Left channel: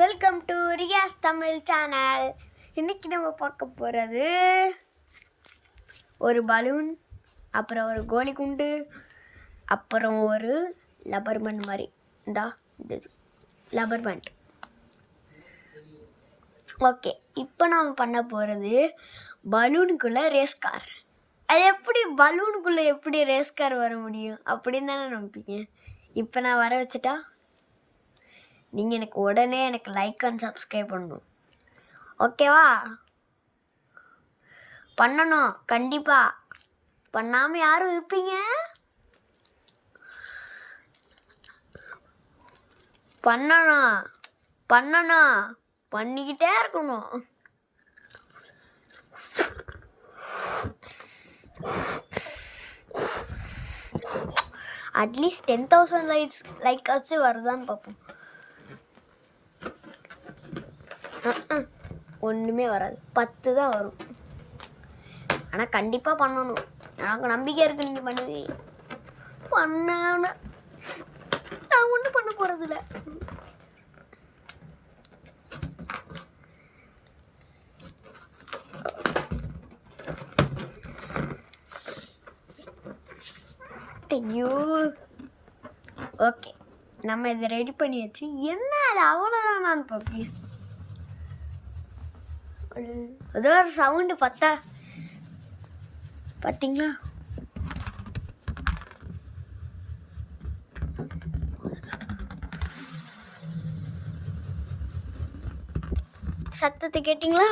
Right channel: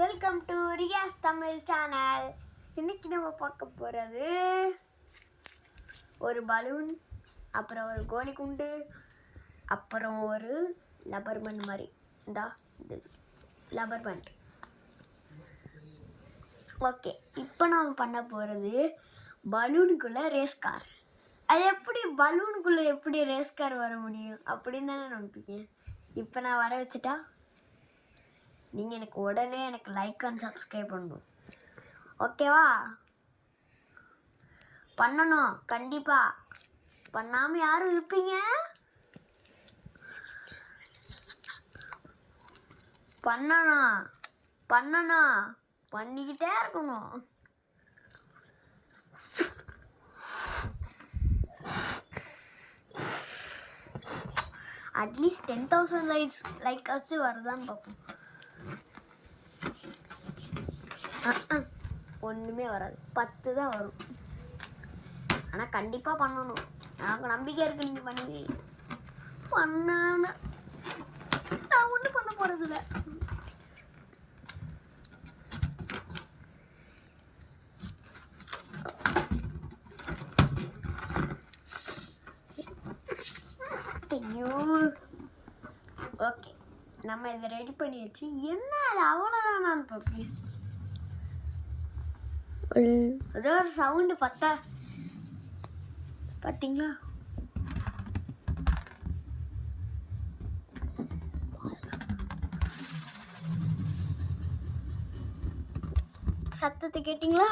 Welcome to Riyas Tamil channel. இன்னைக்கு நம்ம பார்க்க போகிறது ஒரு பலூன், அப்புறம் ஒரு கோலி குண்டு, அப்புறம் ஒரு லப்பர் பேண்ட் மாதிரி. இந்த லப்பர் பேண்ட். ஓகே, இப்போ நாம் பண்ண போகிறது பலூனுக்குள்ளே ரேஸ் கார். அது எப்படி பலூனுக்குள்ளே எப்படி ரேஸ் கார் வர முடியும் அப்படின்னு தானே நம்பிப்பீங்க. இப்போ நான் வர வச்சுட்டா நீங்கள் எனக்கு உடனே லைக் அண்ட் சப்ஸ்கிரைப் பண்ணணும். ஓகேவா? பண்ணணும் கண்டிப்பாக. பண்ணாமல் யாரும் இருப்பீங்க? பண்ணணும் பண்ணணும் பண்ணிக்கிட்டே இருக்கணும். அட்லீஸ்ட் 10,000 லைக்ஸு வருதான்னு பார்ப்போம். ஒன்றுமே வராது, 10 தான் வரும். ஆனால் கண்டிப்பாக பண்ணணும். எனக்கு நம்பிக்கை இருக்குது நீங்கள் பண்ணுவீங்க. நான் ஒன்றும் பண்ண போகிறதில்ல. ஐயோ, ஓகே, நம்ம இதை ரெடி பண்ணியாச்சு. என்ன அது அவ்வளோதான் நான் பார்ப்பேன். ஏதோ ஒரு சவுண்டு பார்த்தீங்களா? சத்தத்தை கேட்டிங்களா?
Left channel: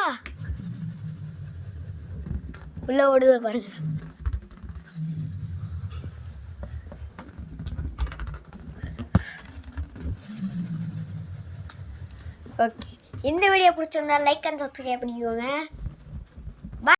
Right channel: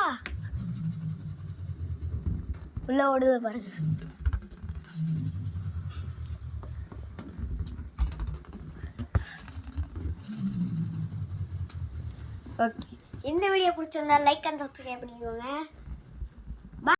உள்ள ஓடுது பாருங்க. ஓகே, இந்த வீடியோ பிடிச்சிருந்தா லைக் அண்ட் சப்ஸ்கிரைப் பண்ணிக்கோங்க.